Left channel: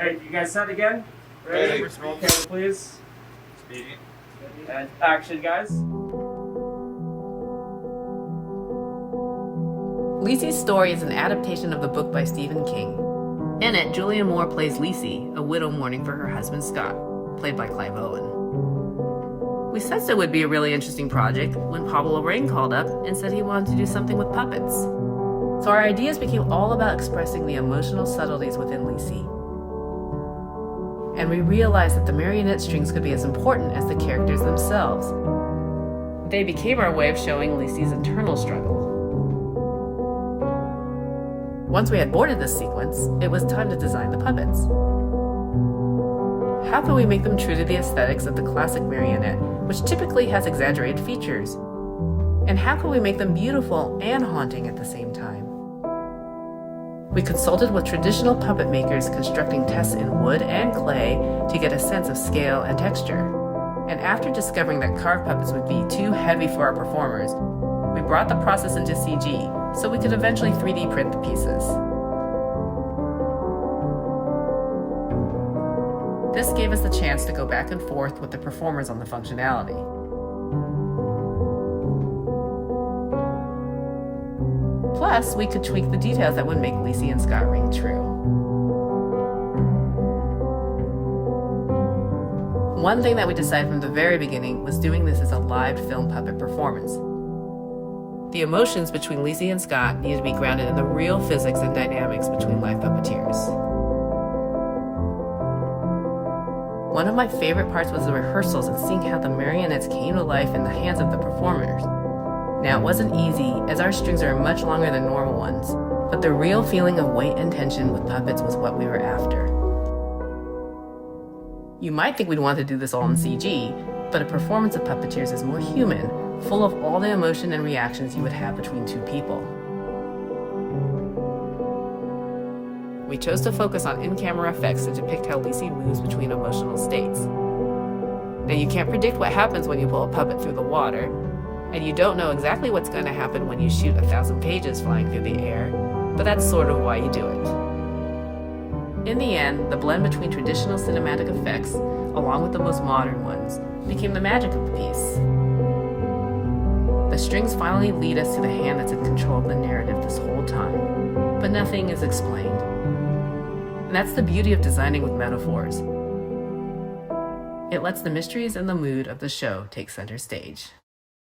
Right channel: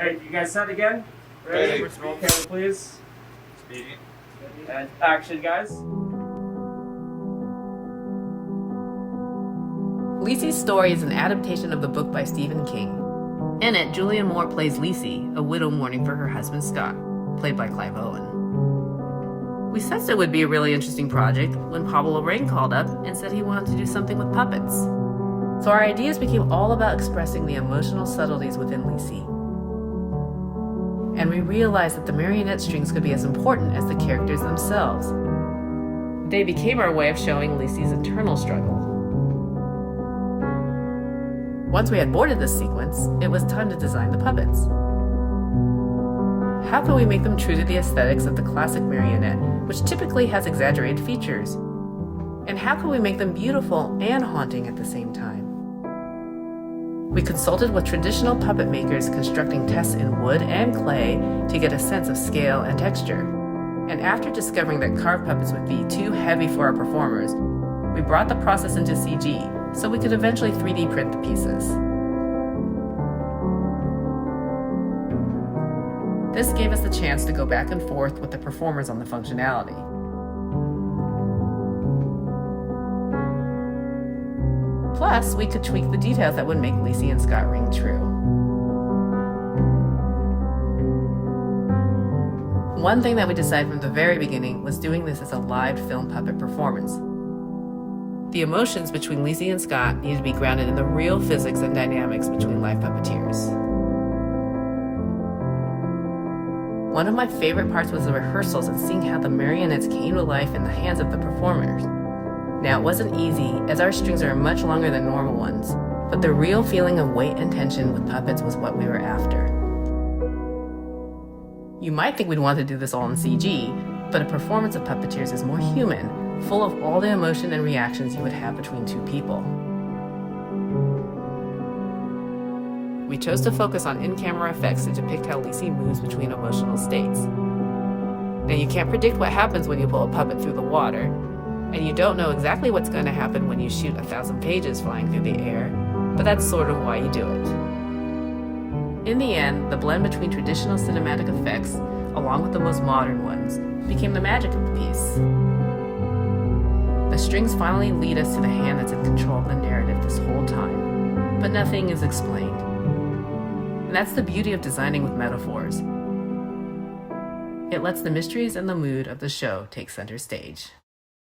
Alright, you guys set again? Ready? Roll camera, please. Speaking. And action, guys. Lisey's story is an adaptation of the book by Stephen King. In it, Julianne Moore plays Lisey, a widow mourning for her husband Scott, played by Clive Owen. We sensed it would be a really interesting project when Pablo Larraín called up and said he wanted to do something with puppets. So our ideas became all about expressing the emotional subtleties within Lisey. And we realized that the marionette strings could be as important as the characters themselves. They became our way of showing Lisey's internal struggle. Once we had boarded this sequence, it was time to design the puppets. How can we make them true to the aesthetics of the classic marionette, which typically has exaggerated features? And how can we make them beautiful and haunting at the same time? We consulted with traditional puppet makers constructing tests in wood and clay to get a sense of scale and texture. And after discovering that carved puppets would be too heavy for our performers, we brought the process into CG so we could eventually 3D print the pieces. This gave us the chance to go back and forth with the performers on the functionality. Plus, we could tweak the details that would make Lisey and Scott ring true. One thing that we decided from the very beginning was doing this as a live film puppet performance. The emotions between Lisey and Scott needed to be grounded in the real physics and dynamics between live puppeteers. One of my favorite parts was the rehearsals and seeing how the marionettes came to life in the hands of the performers. Now, it wasn't easy, as our strings are much longer than normal ones, but the real feeling of weight and tension with puppets was what we were after. You might think we'd want to do this all in CG, but a performance of puppeteers is more human, full of all the emotion and reactions you would have between two people. We chose to focus on in-camera effects to depict how Lisey moves between emotional states. Now, you can't predict what happens when you pull a puppet through the water, and you don't know exactly what's going to happen when you shoot 1,000 pages flying through the air, but that's sort of why you do it. In the end, the blend between traditional cinematic effects, along with the most modern ones, became the magic of the piece. The strings finally lead us to the hand that's in control of the narrative this whole time, but nothing is explained. And that's the beauty of designing with metaphors. It lets the mysteries and the mood of the show take center stage.